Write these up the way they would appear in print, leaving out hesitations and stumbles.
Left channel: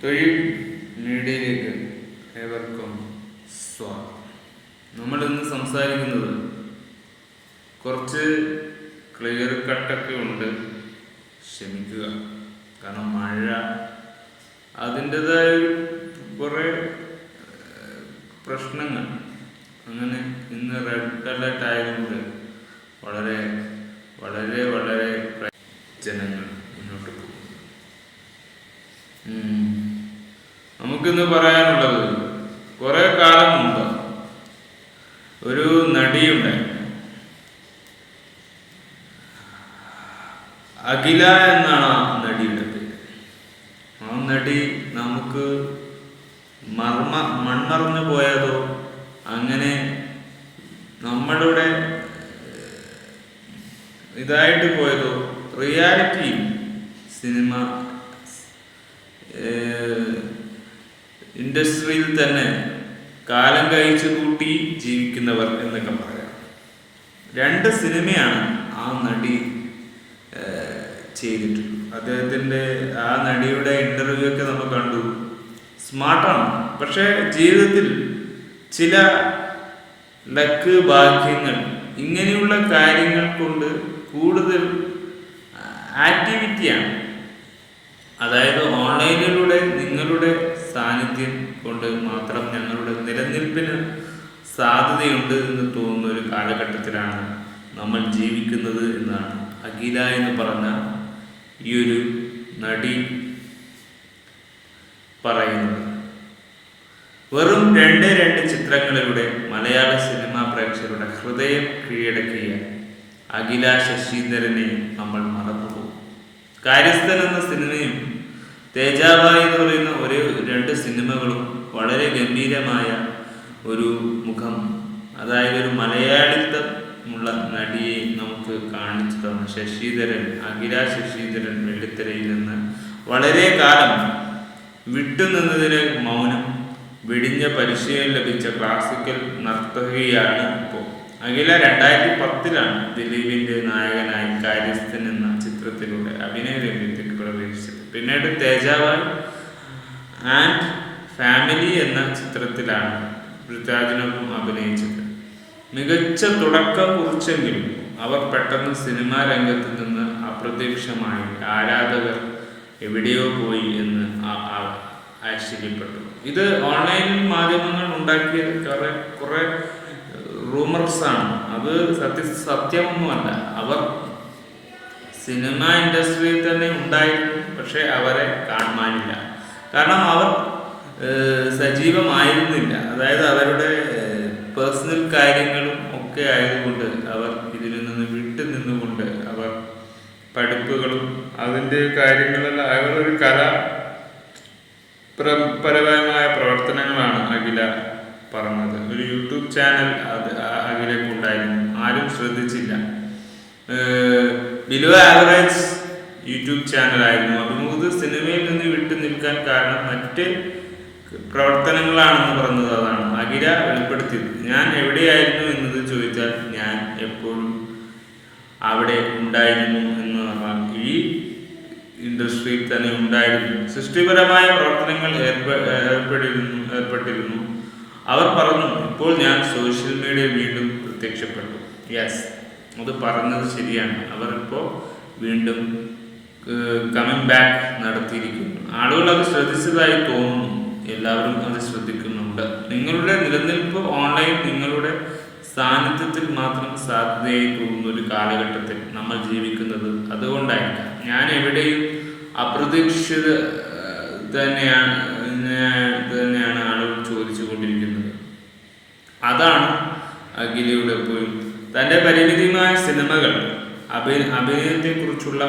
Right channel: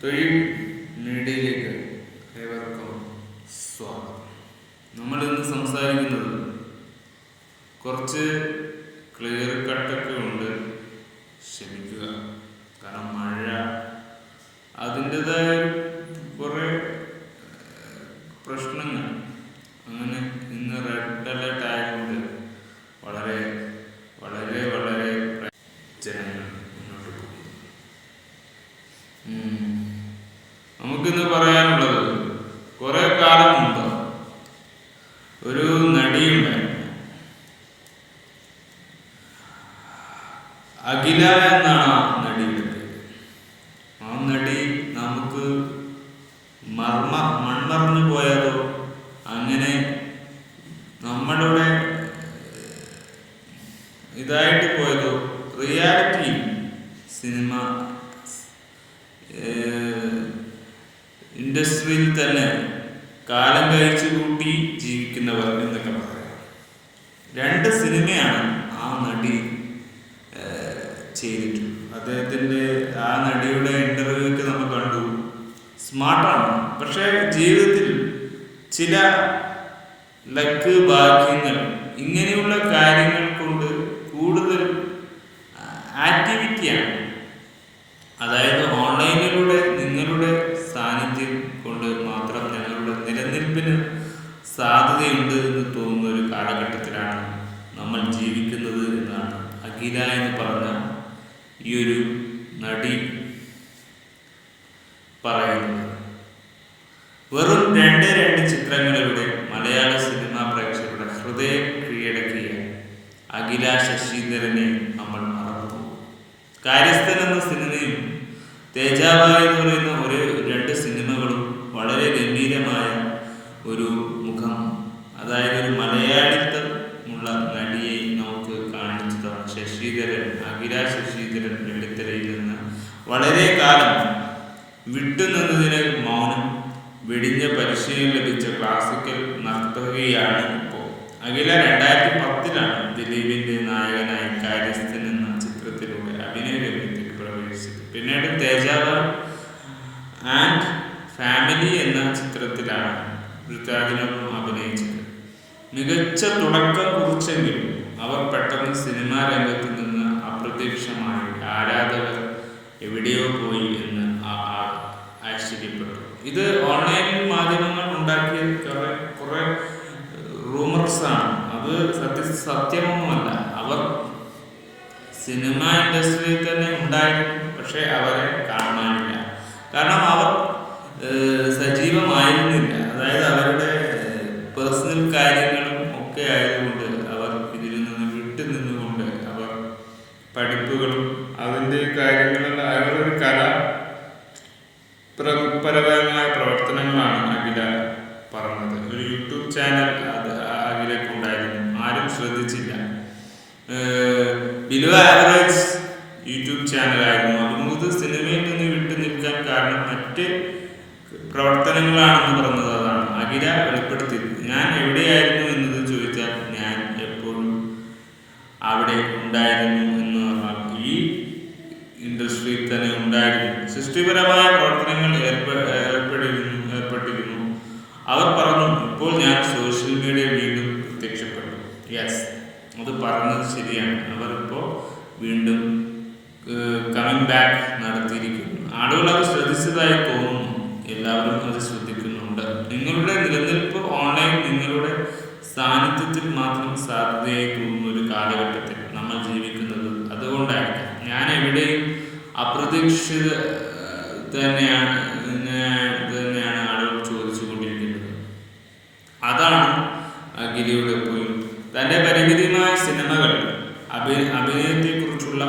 തൊഴിൽ മീഡിയയിലേക്ക് ഏവർക്കും സ്വാഗതം. നമ്മൾ ഇന്ന് സംസാരിക്കുന്നത് കുറച്ച് ക്ലിയർ കട്ടൊക്കെ ഉണ്ട്, ക്ഷമിക്കുക. കാരണം മഴ അതിൻ്റെതായ കുറേ പ്രശ്നങ്ങൾ, അങ്ങനെ ഇന്ന് റെഡ് അലർട്ട് ആയതുകൊണ്ട് വളരെ വളരെ വളരെ ജനങ്ങൾ മുന്നോട്ട് പോകും. നമുക്കിന്ന് പറയാനുള്ളത്, കുറെ കാലം മുമ്പ് ഒരു നടിയുണ്ടായിരുന്നു, അഖില എന്നാണ് ആ നടിയുടെ പേര്. ആ നടി നമുക്ക് മണ്ണറിഞ്ഞു പോയതോ അങ്ങനെ നമ്മളുടെ ഇതായിട്ട് പോയതോ റിയാലിറ്റി സിനിമ ഇൻഡസ്ട്രിയിൽ തന്നെ കാലം കഴിച്ചു കൂട്ടി ജീവിക്കുന്നവർ എന്നൊക്കെ പറയാം. 2 സിനിമയാണ് ആ നടി ചെയ്തിട്ടുള്ളത്. അദ്ദേഹത്തിൻ്റെ ആ നടിയുടെ ഇൻ്റർവ്യൂ ഒക്കെ നമ്മൾ കണ്ടു. സ്മാർട്ടാണ്, പക്ഷേ ജീവിതത്തിൽ ചില ലക്ക് ഭാഗ്യങ്ങൾ ഇങ്ങനെയുള്ള കാര്യങ്ങൾ കൊണ്ട് കൂടുതൽ ആക്ടിവിറ്റിയാണ്. അതായത് ഓൺലൈനിലൂടെ നിങ്ങളുടെ സാന്നിധ്യം കൊണ്ട് മാത്രം ഞങ്ങളുടെ നിലനിൽപ്പിന് സാധ്യതയുണ്ട് എന്ന് തോന്നുന്ന ഒരു കാലഘട്ടത്തിലാണ് നമ്മൾ ജീവിക്കുന്നത് എന്നാണ് അഖില എന്ന് പറഞ്ഞ ഈ ഒരു നടി പറയുന്നത്. വെറും 2 ചിത്രങ്ങളിലൂടെ മലയാള സിനിമാ പ്രേക്ഷകരുടെ ഹൃദയം കീഴടക്കിയ അഖില ശശീന്ദ്രനെ നമ്മൾ മറന്നുപോകും. കാര്യസ്ഥൻ എന്ന സിനിമയും തേജാബായ് എന്ന് പറയുന്ന 2 സിനിമകളും വളരെ ഗംഭീരമായ ഒരു മുഖം, അതായത് ഒരു മലയാളിത്തമുള്ള നടിയെ നമുക്ക് കാണിച്ചു തന്ന ശശീധരൻ, അഖില ശശീധരൻ വെള്ളിത്തിരയിൽ നിന്ന് വളരെ കാലം വിട്ടുനിന്നതിന് മൗനം വെടിഞ്ഞ പരിശീലനം ലഭിച്ച ക്ലാസിക്കൽ നർത്തകിയാണ് ഇപ്പോൾ. അഖില 2010 ദിലീപിന്റെ നായകനായി കാര്യസ്ഥൻ എന്ന ചിത്രത്തിലൂടെ അഭിനയ രംഗത്തേക്ക് പ്രവേശിച്ചത്. പിന്നീട് തേജാബായ് ആൻഡ് ഫാമിലി എന്ന ചിത്രത്തിലാണ് പൃഥ്വിരാജിനൊപ്പം അഭിനയിച്ചത്. മികച്ച തുടക്കം കുറിച്ചെങ്കിലും അവർ പെട്ടെന്ന് സിനിമാ രംഗത്ത് നിന്ന് അപ്രത്യക്ഷമായി. ആരാധകർ എവിടെയോ പോയി എന്ന് ആശ്ചര്യപ്പെട്ടു. ഇത് ഓൺലൈൻ മാധ്യമങ്ങൾ ഉണ്ടാക്കിയ കുറെ റൂമർസാണ്. അത് സത്യമൊന്നുമല്ല. അവർ സിനിമ ഇൻഡസ്ട്രിയിൽ തന്നെ ഉണ്ടായിരുന്നു, പക്ഷെ അവരെ കാണാനില്ല. കാരണം അവർ സജീവമായിരുന്നില്ല. അതായത് അവരുടെ പേഴ്സണൽ കാര്യങ്ങളും ഒക്കെ ആയതുകൊണ്ട് അവർ ഇതിൽ നിന്ന് വിട്ടു നിന്നുകൊണ്ട് അവർ പഠിപ്പുകളും അതിൻ്റെ കാര്യങ്ങളും അവരൊരു പരമായ പ്രവർത്തനങ്ങളാണ് അഖില പറഞ്ഞത്. ഒരു യൂട്യൂബ് ചാനൽ അഖിലക്ക് ഉണ്ടായിരുന്നു, ആരും ശ്രദ്ധിച്ചില്ല. ബിലോ ആവറേജ് യൂട്യൂബ് ചാനലായിരുന്നു. അഭിമുഖത്ത് സിനിമയിൽ നിന്ന് വിട്ടു നിൽക്കാൻ കാരണം മറ്റ് പ്രവർത്തനങ്ങളാണെന്ന് പറഞ്ഞത്. അതാണ് അഖില വെളിപ്പെടുത്തിയത്. ഞാൻ എവിടെയായിരുന്നു എന്നത് ചോദിച്ചാൽ ഞാൻ എപ്പോഴും അവിടെ ഉണ്ടായിരുന്നു എന്ന് പറഞ്ഞാൽ ഈ ഇൻഡസ്ട്രിയിൽ തന്നെ ഉണ്ടായിരുന്നു. സൃഷ്ടിപരമായ പ്രവർത്തനങ്ങൾ ഏർപ്പെട്ടിരുന്നു. അവർ പറഞ്ഞു, ഇപ്പോൾ ഞാൻ സോഷ്യൽ മീഡിയ വീണ്ടും പ്രത്യക്ഷപ്പെട്ടു. യെസ്, അത് പറഞ്ഞത് ശരിയാണ്. അവർ ഇപ്പോൾ വീണ്ടും കമ്മിങ് ബാക്ക് നടത്തിയിരിക്കുന്നു. ആളുകൾ അത് ശ്രദ്ധിച്ചതായി തോന്നുന്നു. എല്ലാവരും അത് ശ്രദ്ധിക്കുന്നുണ്ട്. നിങ്ങളുടെ നിലനിൽപ്പ് ഓൺലൈൻ നിങ്ങളുടെ സാന്നിധ്യത്തിൽ മാത്രം സാധ്യതയായി തോന്നുന്ന ഒരു കാലഘട്ടത്തിൽ നമ്മൾ ജീവിക്കുന്നത്. അതുകൊണ്ടായിരിക്കാം ഞാൻ എവിടെയും അപ്രതീക്ഷിത തന്നെയാണ് ആളുകൾ ചോദിച്ചു കൊണ്ടിരിക്കുന്നത്. അതാണ് അഖിലയുടെ പോയിന്റ്. തൻ്റെ പരിമിതമായ സിനിമകൾ അഭിനയത്തെക്കുറിച്ചുള്ള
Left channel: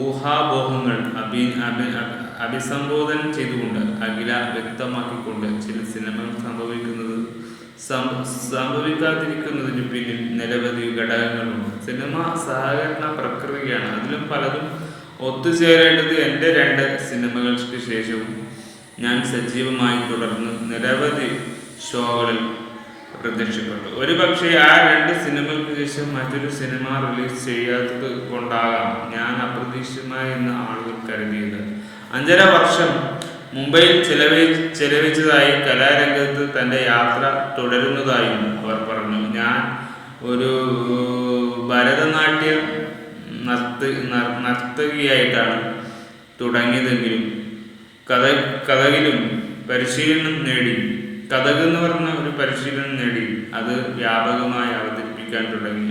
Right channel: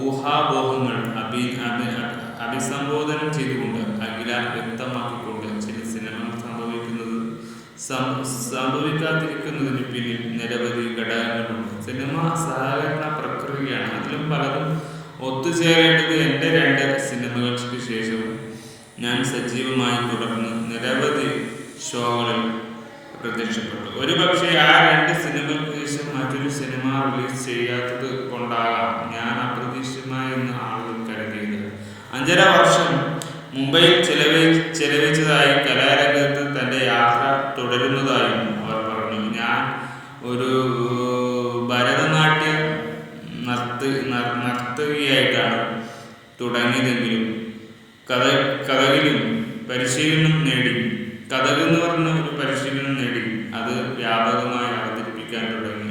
ഊഹാപോഹങ്ങൾ അഭിസംബോധന ചെയ്തുകൊണ്ട് അഖില വ്യക്തമാക്കിക്കൊണ്ട് ചില സിനിമകൾ സംഭവിക്കാതിരിക്കുന്നതിന് പിന്നിൽ നിരവധി ഘടകങ്ങളുണ്ട്. സിനിമ സഹകരണ പ്രക്രിയയാണ്. അതിലും പലതും ഒത്തുചേരേണ്ടത്. എൻ്റെ 2 സിനിമകൾക്ക് ശേഷവും ഞാൻ സജീവമായി തുടർന്ന് നിരവധി ഷോകളിൽ പ്രത്യക്ഷപ്പെട്ടു. ഒരുപക്ഷെ ആ 2 സിനിമകൾക്ക് ശേഷം മറ്റൊരു സിനിമ റിലീസ് ചെയ്യാത്തത് കൊണ്ടാകാം ഞാൻ അപ്രതീക്ഷിതമായി എന്ന് ആളുകൾ കരുതിയത്. 5.5 വർഷം മുംബൈയിൽ ചെലവഴിച്ചതായി കലാരംഗത്ത് തൻ്റെ യാത്ര തുടരുന്നതായും അവർ പറഞ്ഞു. ഞാൻ ഒരു ഭരതനാട്യ നർത്തകിയായിട്ടാണ് തുടങ്ങിയതെങ്കിലും കഥകിലും പരിശീലനം നേടി. കഥക് എന്ന് പറഞ്ഞ ഒരു പരിശീലനം നേടി അത് വ്യാപകമായി അവതരിപ്പിക്കാൻ തുടങ്ങി.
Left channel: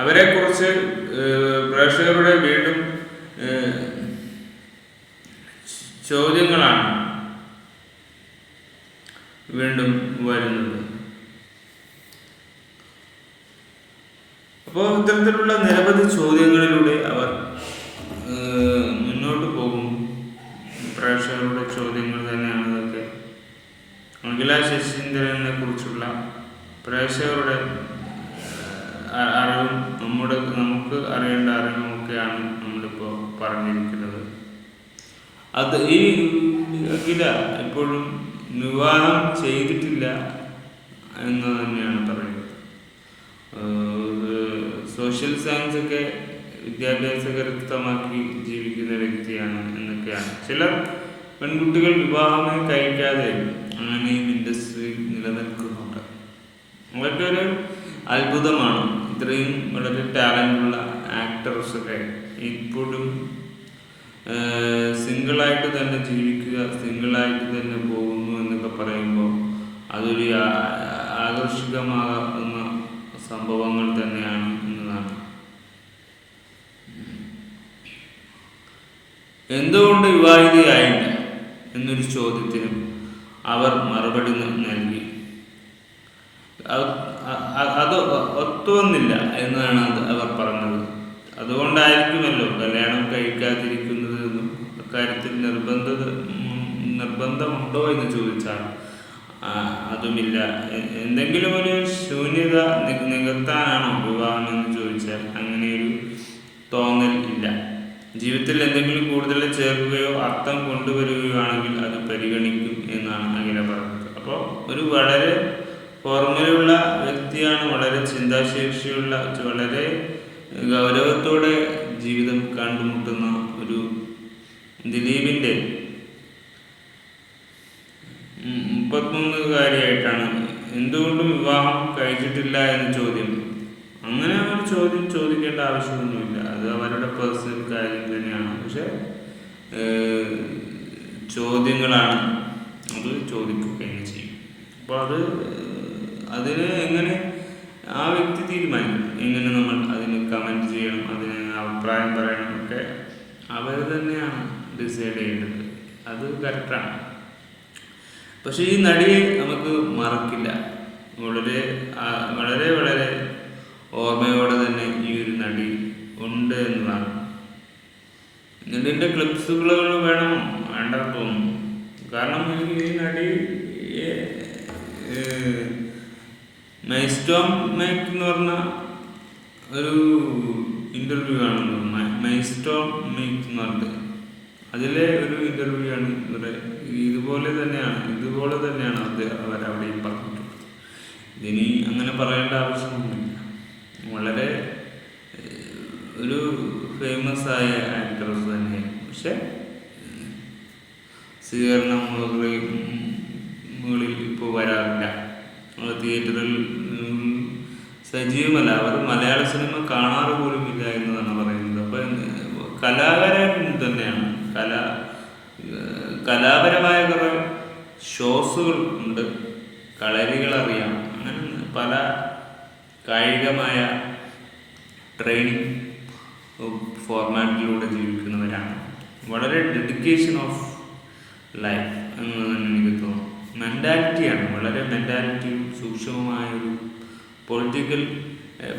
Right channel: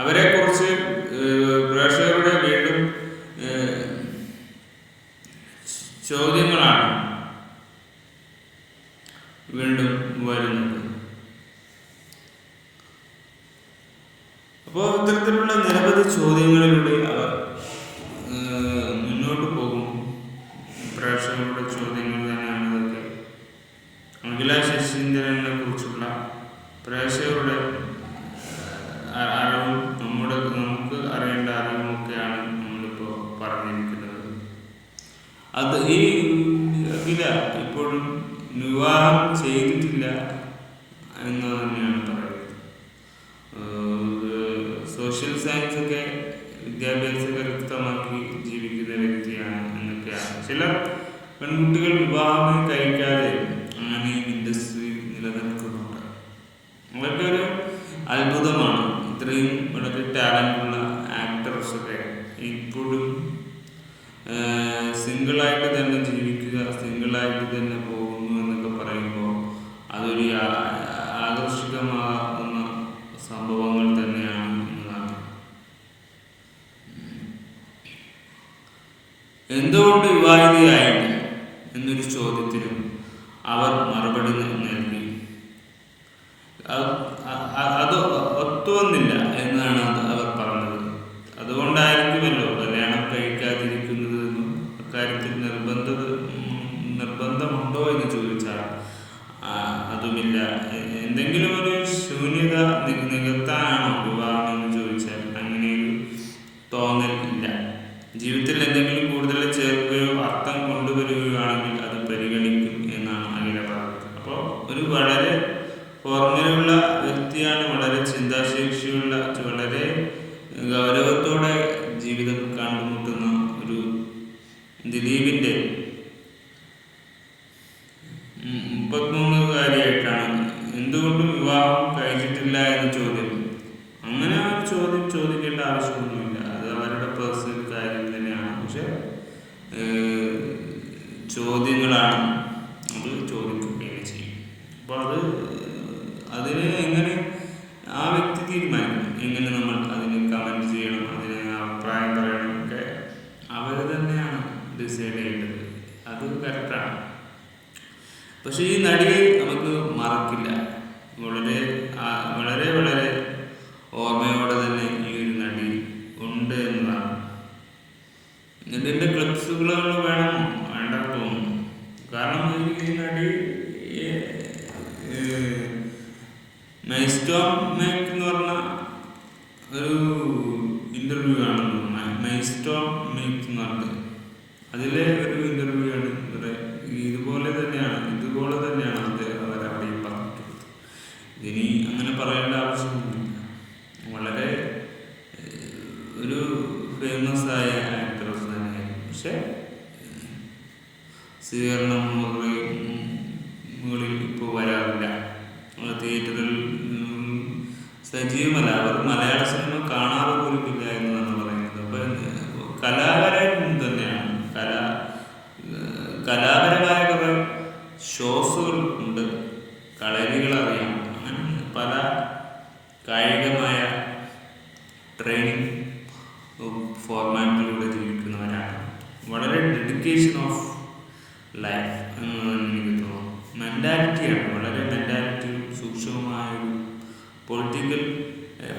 അവരെ കുറിച്ച് പ്രേക്ഷകരുടെ വീണ്ടും ചോദ്യങ്ങളാണ് വീണ്ടും വരുന്നത്. അപ്പോൾ ഇത്തരത്തിലുള്ള നിരവധി ചോദ്യങ്ങളിലൂടെ അവർ മുന്നോട്ട് പോകും. പ്രേക്ഷകരുടെ ചോദ്യങ്ങൾ തന്നെയാണ് ഇതൊക്കെ. അഖില ശശീന്ദ്രനെ കുറിച്ചുള്ള പ്രേക്ഷകരുടെ അറിവും നമുക്ക് അറിയേണ്ട അറിവുമൊക്കെയാണ് നമ്മളിപ്പോൾ പറഞ്ഞിരിക്കുന്നത്. അത് ഈ അഖില ഇപ്പോഴും വിവാഹം ചെയ്തിട്ടില്ല എന്ന് തന്നെയാണ് പറയുന്നത്. സോഷ്യൽ സയൻസ് ഒക്കെ വിദ്യാഭ്യാസം കരസ്ഥമാക്കി ജീവിക്കുന്ന വ്യക്തിയാണ് എന്നൊക്കെയാണ്. ചില പെൺകുട്ടികൾ വിവാഹം കഴിക്കാതെ അങ്ങനെ ഇൻഡസ്ട്രിയിൽ നിലനിൽക്കുന്നുണ്ട്. അതൊക്കെ ഒരു അത്ഭുതമാണ്. ഇത്രയും വളരെ ടാലൻ്റുള്ള ആക്ടേഴ്സൊക്കെ ഇപ്പോഴും സിംഗിളായിട്ട് തന്നെ ജീവിക്കുക, സിംഗിളായിട്ട് തന്നെ പോകുന്നു എന്നൊക്കെ പറയുമ്പോൾ അതൊരു ആകർഷകമാകുന്ന സംഭവങ്ങൾ തന്നെയാണ് എന്നതാണ്. എന്തുകൊണ്ട് വിവാഹിതയായില്ല എന്നൊരു ചോദ്യത്തിന് അവർ മറുപടി നൽകി. അത് ഒത്തുവന്നില്ല എന്നാണ് അവർ പറഞ്ഞത്. അതുകൊണ്ടായിരിക്കുമല്ലോ കല്യാണം കഴിക്കാതിരിക്കുന്നത് എന്നും അക്കാര്യത്തിൽ നിർബന്ധമുണ്ടോ എന്ന് ചോദിച്ചാൽ അതുമില്ല. എന്തെങ്കിലും ഒരു ശൂന്യത നികത്താനാണോ വിവാഹം എന്ന് ചോദിച്ചാൽ അങ്ങനെയൊരു തോന്നൽ ഇല്ല. ജീവിതത്തിൽ എന്തെങ്കിലും കൂടുതൽ ചേർക്കുകയോ അർത്ഥം കൊണ്ടുവരികയാണെങ്കിൽ അത് പരിഗണിക്കും എന്നാണ് അങ്ങനെ പറഞ്ഞത്. അപ്പോൾ ഒരു വളരെ ഫോർമുലയുള്ള വ്യക്തിയാണ്, വളരെ ചിന്താശേഷിയുള്ള, വളരെ ഗൗരവത്തോടെ ജീവിതം കണ്ടുമുട്ടുന്ന ഒരു ദിലീപിൻ്റെ 33-കാരിയായിട്ടാണ് എന്തുകൊണ്ട് വിവാഹം കഴിച്ചിട്ടില്ല എന്ന ചോദ്യം. അങ്ങനെ ആ ചോദ്യം ചോദിക്കേണ്ട ആവശ്യമൊന്നുമില്ല. അത് അവരുടെ പേഴ്സണൽ കാര്യം തന്നെയാണ്. പക്ഷെ ചോദ്യങ്ങളാണ് അത് ചോദിക്കുകയും ചെയ്യും. അപ്പോൾ അതിന് എങ്ങനെ ആ വ്യക്തി തീരുമാനിക്കും, എങ്ങനെ നമ്മൾ അതിന് കമൻറ്റ് ചെയ്യണം, അതിന് അഭിപ്രായം പറയണം ഒക്കെ അവർ തന്നെയാണ് ഡിസൈഡ് ചെയ്യേണ്ടത്. അത് കറക്റ്റാണ്. പക്ഷെ ഈ നടിയെ നമുക്ക് മറക്കില്ല. വളരെ വളരെ വളരെ ഓർമ്മയോടെ തന്നെ ഈ ഒരു നടി ഉണ്ട് എന്നതാണ്. ഇതിൻ്റെ ക്ലിപ്സുകൾ വേണമോ വേണ്ട തോന്നുന്നു. കാരണം ഈ നടി മൈസ്റ്റോം മേക്ക് എന്ന് പറഞ്ഞ ഒരു ഇൻ്റർവ്യൂ ആണ്. മൈസ്റ്റോം മേക്ക് എന്ന് പറഞ്ഞത് അതിലെ ഒരു ഇൻ്റർവ്യൂ ആണ്. ഇതുപോലെ തന്നെയാണ് അവരവിടെയും പറഞ്ഞിട്ടുള്ളത്. ഇനി അങ്ങനെ പറയേണ്ട ആവശ്യമൊന്നുമില്ല. വളരെ ഒരു ഫേമസ് ആയ ആക്ട്രസ് തന്നെയാണ്. പക്ഷെ സ്വീകരണങ്ങളിൽ ഇപ്പോൾ വരാറില്ല. തിയേറ്ററിൽ സജീവമല്ല. അവർ മലയാള സിനിമ കാണാറ് പോലും ഇല്ല എന്നതാണ് പറയുന്നത്. അപ്പോൾ കലാകാരൻ തന്നെയാണ്. കലാപരമായ കുറേ ഷോസുകൾ ഉണ്ട്, കളരികൾ അറിയാം, അങ്ങനെ പല കായികമായ ട്രെയിനിങ് ഫോർമാറ്റിലൂടെ ജീവിക്കുന്നവരാണ്. വളരെ ഡെഡിക്കേഷൻ ഓഫ് ലൈഫ് എന്നാണ് എനിക്ക് തോന്നുന്നു. മെൻറ്റാലിറ്റിയാണ്, വളരെ മെൻറ്റാലിറ്റിയും സൂക്ഷ്മമായ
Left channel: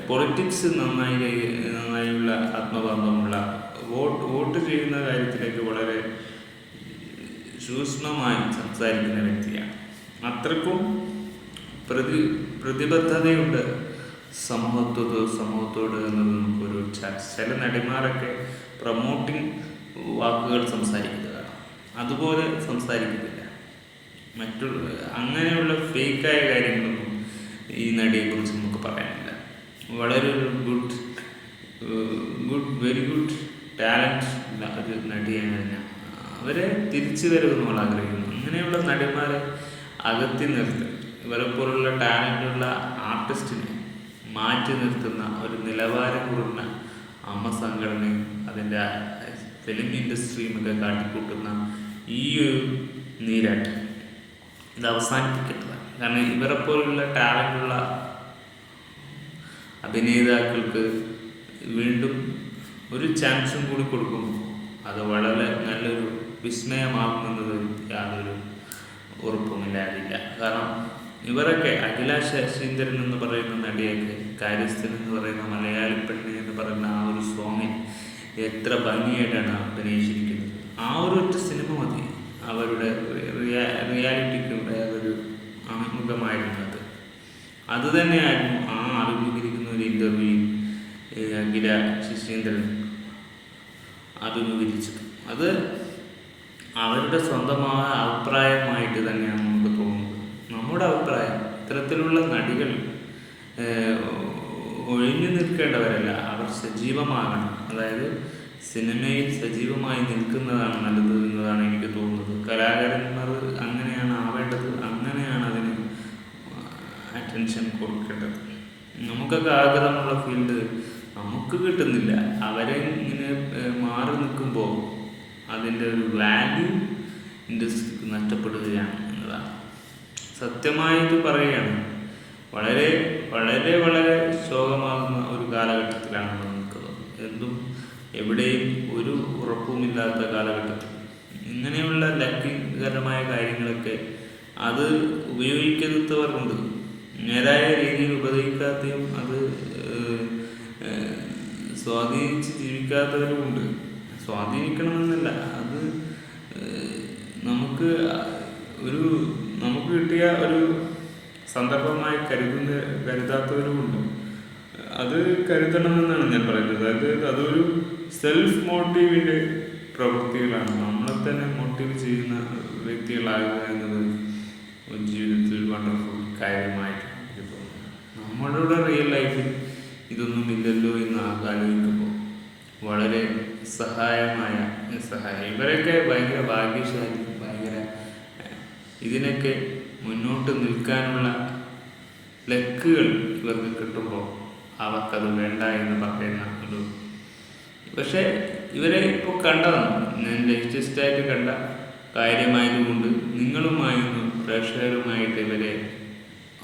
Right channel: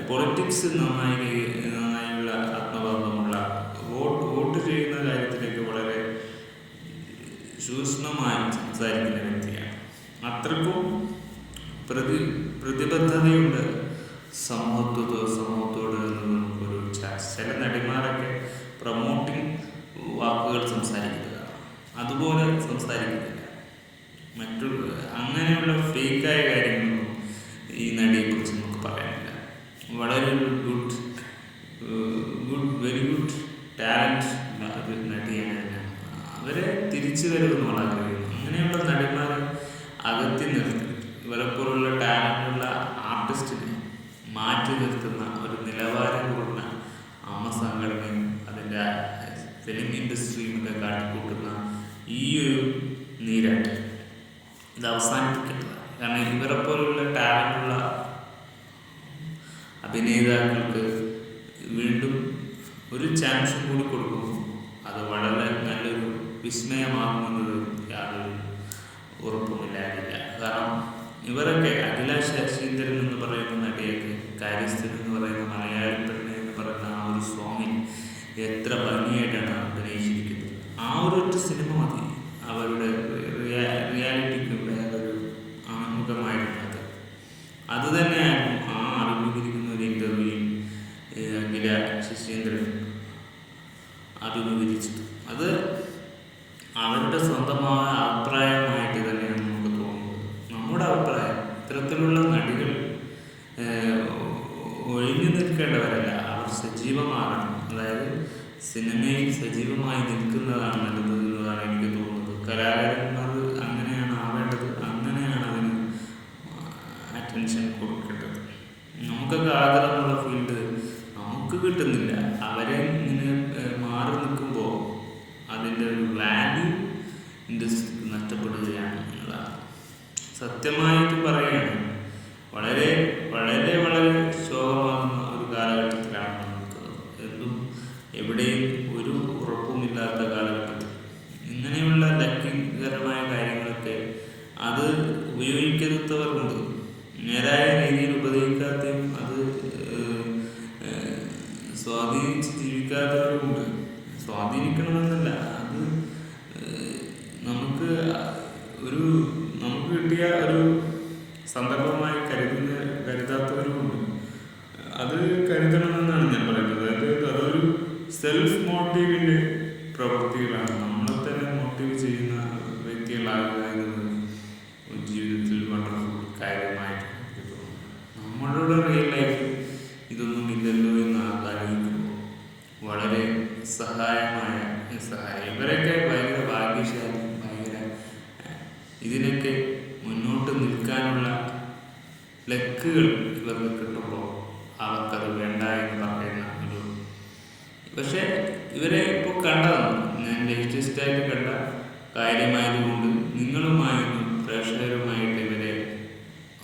പൊളിറ്റിക്സ് നന്നായുള്ള ആത്മബന്ധമുള്ള വോട്ട് ചെയ്യുന്ന കാര്യത്തിലേക്ക് വളരെ സൂക്ഷ്മമായി സംസാരിക്കുന്ന വ്യക്തിയാണ്. അത്രക്കും പ്രതിബദ്ധതയുണ്ട് സമൂഹത്തോട് എന്നത് നമുക്കൊരു ചില നടിമാരൊക്കെ പ്രൊമോട്ടിങ് വാക്കുകൾ സംസാരിക്കുന്നതാണ്. അതുപോലെ സംസാരിക്കുന്നില്ല. അങ്ങനെയുള്ള ഫേക്കായ കാര്യങ്ങളൊന്നും ഈ നടിയെക്കുറിച്ച് നമുക്ക് പറയാനില്ല. വളരെ വെരി ഗുഡ് ടാലൻറ്റ് തരുമെന്ന് നമ്മൾ ആഗ്രഹിക്കുന്നു. അങ്ങനെയുള്ള നടിമാരെ അകറ്റി നിർത്തി ഇവരെ പോലുള്ള ടാലൻ്റുള്ള ആർട്ടിസ്റ്റിനെ മാറ്റി നിർത്തുന്ന ഒരു നിലവാരം കുറഞ്ഞ സംഘടനയും അതിൻ്റെ ഫിലിം ഇൻഡസ്ട്രിയും ഒക്കെ കാട്ടിക്കൂട്ടുന്ന ഈ ഒരു നീരാട്ട് ഇത് അവസാനിപ്പിക്കേണ്ടതാണ്. കാരണം ഇവരെ പോലുള്ള ടാലൻ്റുള്ള അഭിനേതാക്കൾക്ക് വീണ്ടും ഒരു ചാൻസും കൂടി കൊടുക്കുമ്പോൾ അത് വളരെ നല്ലൊരു വിസ്മയമാകുന്നത് യാതൊരു ഉറപ്പുമില്ലാതില്ല. കാരണം ഇവരൊക്കെ അഖില ശശീന്ദ്രൻ എന്ന് പറയുന്ന നടിയൊക്കെ കാര്യസ്ഥൻ എന്ന് പറയുന്ന മലയാളി പെണ്ണി എന്ന് പറയുന്ന ആ ഒരു സോങ്ങിൽ എത്ര ഭംഗിയായിട്ടാണ് അഭിനയിച്ചിരിക്കുന്നത്. ആ ഒരൊറ്റ സിനിമ മതി അവരുടെ റിയാലിറ്റിക്ക് വേറൊരു അഭിമുഖമായിരുന്നത്. അത് തന്നെയായിരുന്നു ആ അഭിമുഖീകരിക്കുന്ന ഒരു ഇൻ്റർവ്യൂവിൽ അഖില ശശീന്ദ്രൻ അഭിമുഖീകരിച്ചത്. അത് അവരുടെ സ്വന്തമായ അഭിപ്രായമായിട്ട് തന്നെയാണ് നമുക്ക് തോന്നുന്നത്. നമ്മുടെ അഭിപ്രായം ഇത്തരത്തിലുള്ള നടികൾ ഒഴിഞ്ഞു നിൽക്കേണ്ടവരല്ല, അവർ സജീവമാകണം. അതായത് സിനിമയിൽ സജീവമായി നിൽക്കുന്നതാണ് നല്ലത് എന്നതാണ് എനിക്ക് തോന്നുന്നത്. കലാകാരന്മാർ അങ്ങനെയാണ് ആവേണ്ടത്, അങ്ങനെയാണ് അതിന് അറ്റൻഷൻ കൊടുക്കേണ്ടത്. നമുക്കൊക്കെ ആഗ്രഹമുള്ള ഫീൽഡ് നമുക്ക് കിട്ടുന്നില്ല. അവരെ ഇങ്ങനെ മാറി നിൽക്കുമ്പോൾ അതിൻ്റെ ഒരു വാല്യൂ ഇൻഡസ്ട്രിക്ക് നഷ്ടപ്പെടുകയാണ് എന്നുള്ളതാണ്. സത്യമായിട്ട് പറയുകയാണ്, വളരെ വളരെ വളരെ ശോകമാകുന്ന ഒരു കാലഘട്ടത്തിലാണ് നമ്മൾ നിൽക്കുന്നത്. എന്തും എവിടെയും ഒരു ഉറപ്പുമില്ലാത്ത കാലഘട്ടത്തിൽ ഇങ്ങനെയുള്ള ലക്കികരമായ കാര്യങ്ങളൊക്കെ അത് ഉപയോഗിക്കാത്തവരുണ്ട്, നേരായ രീതിയിൽ ഉപയോഗിക്കാത്തയും അത് സ്വാധീനിച്ച് ജീവിക്കാത്തവരുമുണ്ട്. സ്വാധീനിക്കണമെന്നില്ല, അത് നമുക്ക് കിട്ടിയ ഒരു സന്ദർഭമായി കരുതാത്തവരുമുണ്ട്. അത് കരുതണമെന്നാണ് ഞാൻ പറയുന്നത്. അതായത് അതൊരു സെൽഫ് മോട്ടീവിൻ്റെ പ്രവൃത്തികളാണ്. നമ്മളെ തന്നെ മോട്ടീവ് ചെയ്യുന്ന വ്യക്തികളാകുക എന്നത് ജീവിതത്തിൽ വണ്ടർഫുൾ കാര്യമായിട്ടാണ് എനിക്ക് തോന്നുന്നത്. നമ്മളുടെ റിയൽ ലൈഫിൽ ഇതൊന്നും ഇല്ലല്ലോ എന്ന് ആലോചിക്കുമ്പോൾ വളരെ സഹായം ഇവരൊക്കെ ഭയങ്കര ഭാഗ്യശാലി, ഇതിനൊക്കെ മുന്നോട്ട് നിൽക്കാനുള്ള ലക്കുകൾ ഇവർക്ക് കിട്ടുമ്പോൾ അവർക്കത് വേണ്ട എന്ന് പറയുന്ന ഒരു പക്ഷേ ഇവരെ ഇപ്പോൾ കണ്ടതാണ് ഞാൻ ലേറ്റസ്റ്റായിട്ട് കണ്ട കാര്യമായതുകൊണ്ട് നിങ്ങളുമായും പ്രേക്ഷകരുമായിട്ട് ഇവരെ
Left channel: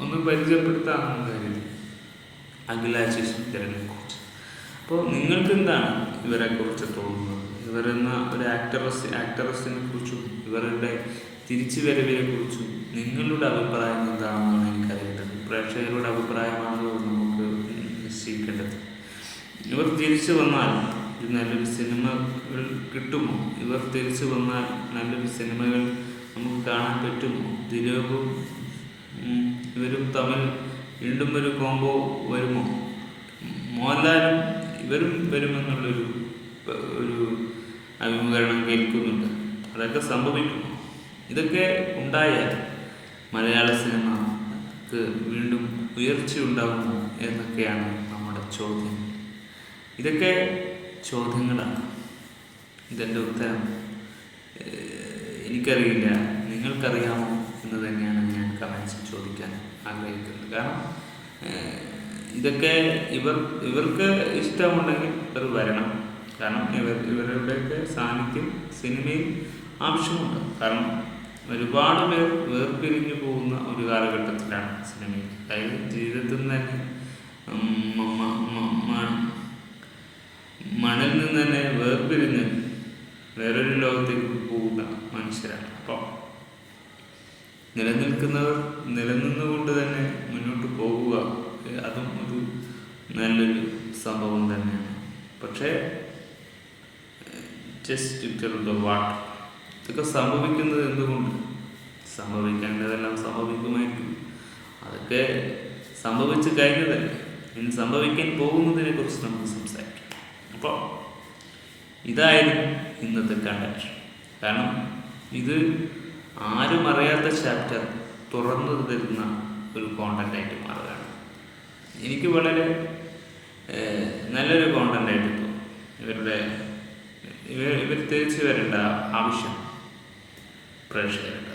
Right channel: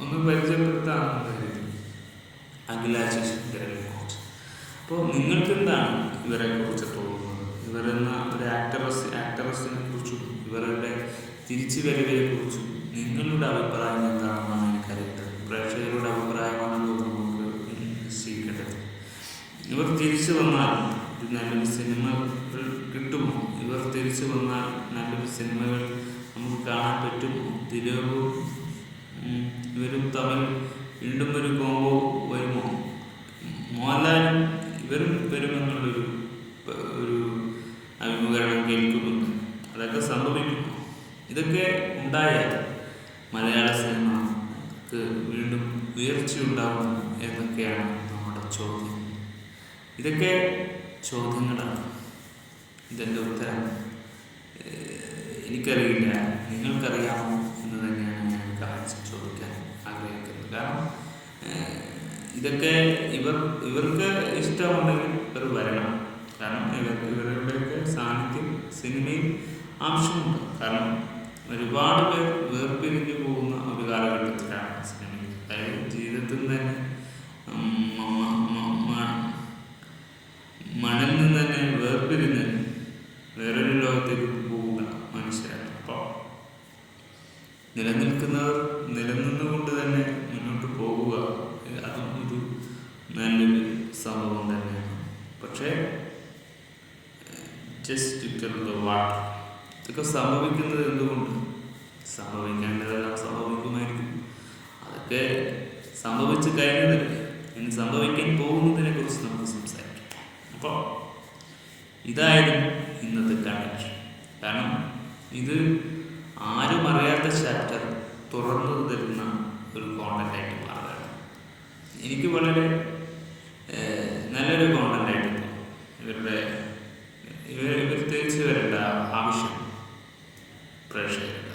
ഒന്ന് പരിചയപ്പെടുത്താമെന്ന് കരുതി. അഖില ശശീന്ദ്രനെ കുറിച്ച് അപ്പോൾ നിങ്ങൾക്ക് എന്താണ് ഇവരെ കുറിച്ച് തോന്നുന്നത്? ഇവരെന്ന ഒരു ആക്ടറസിനെ കുറിച്ചും ഇവരുടെ തിരിച്ചുവരവിനെ കുറിച്ചും നിങ്ങളുടെ അഭിപ്രായം എന്താണെന്നാണ് എനിക്കറിയുന്നത്. പ്രേക്ഷകരുടെ അഭിപ്രായമാണല്ലോ നമുക്ക് നിശ്ചയിക്കേണ്ടത്. ഇവർ തിരിച്ചു വന്നാൽ നല്ലൊരു സിനിമകൾ കിട്ടുമോ? ഇവർ തിരിച്ചു വന്നാൽ നല്ലൊരു സിനിമകൾ നമുക്ക് കാണാൻ പറ്റുമോ? ദിലീപും ഇവരും തമ്മിൽ വീണ്ടും ഒരു കോംബോ വരുമോ? മോഹൻലാലും ഇവരും വരുമെന്നുള്ളൊരു അഭിമുഖീകരണം കേൾക്കുന്നുണ്ട്. അതൊക്കെ സംഭവിക്കുമോ? ഇതൊക്കെ ഉണ്ടായാൽ മലയാള സിനിമക്ക് വീണ്ടും ഉയർച്ചയുണ്ടാകുമോ എന്നൊക്കെയാണ് നമ്മുടെ ചോദ്യം. ഇതൊക്കെ ചോദ്യങ്ങളാണ്. ഇതെൻ്റെ ഉത്തരം എനിക്കറിയില്ല, നിങ്ങൾക്കറിയാമോ എന്ന് തന്നെയാണ് ഞാൻ കമൻസിൽ ചോദിക്കാൻ ആഗ്രഹിക്കുന്നത്. കാരണം ഇതൊക്കെ ഇവർക്ക് ഇഷ്ടമുണ്ടെങ്കിൽ ഇവർ വരണം. കാരണം ഇവരുടെയൊക്കെ സാന്നിധ്യം സിനിമയിൽ ആവശ്യമുണ്ട്. കാരണം ഒരുപാട് പേർ വേർപിരിഞ്ഞു പോകുന്ന ഒരു കാലഘട്ടത്തിലാണ് സിനിമയിൽ. അതായത് ജീവിതത്തിൽ തന്നെ മണ്ണിൽ നിന്ന് തന്നെ വേർപിരിഞ്ഞ് വേറൊരു ലോകത്തേക്ക് പോകുന്ന മനുഷ്യരാണ്. അപ്പോൾ നിലനിന്നുകൊണ്ട് തന്നെ മുന്നോട്ട് പോവുക അതും ഒരു നല്ലൊരു സംഭവം തന്നെയാണ്. പക്ഷേ ജസ്റ്റ് ടെൽ ദ വാട്ട് ഇതൊക്കെ സംഭവിക്കുന്നത് എന്തുകൊണ്ട്? സംഭവിക്കേണ്ടതെല്ലാം സംഭവിക്കുമായിരിക്കും. അതൊക്കെ സംഭവിച്ച് കഴിഞ്ഞതല്ലേ. ഇനി സംഭവിക്കാൻ പോകുന്നതിനെ കുറിച്ച് നമുക്ക് സംസാരിക്കാം. അപ്പോൾ ഇതായിരുന്നു ഇന്നത്തെ കണ്ടന്റ്. കാരണം ഇത് ആരും അറിയാത്ത ചാപ്റ്റർ തുറന്നു തരുന്ന ഒരു കോണ്ടന്റായിട്ട് മാറുകയാണ്. എനിക്ക് വളരെ നല്ലൊരു കോണ്ടന്റായിട്ട് തോന്നും. ഇവർ തിരിച്ചു വരേണ്ട ആവശ്യം പ്രേക്ഷകർ.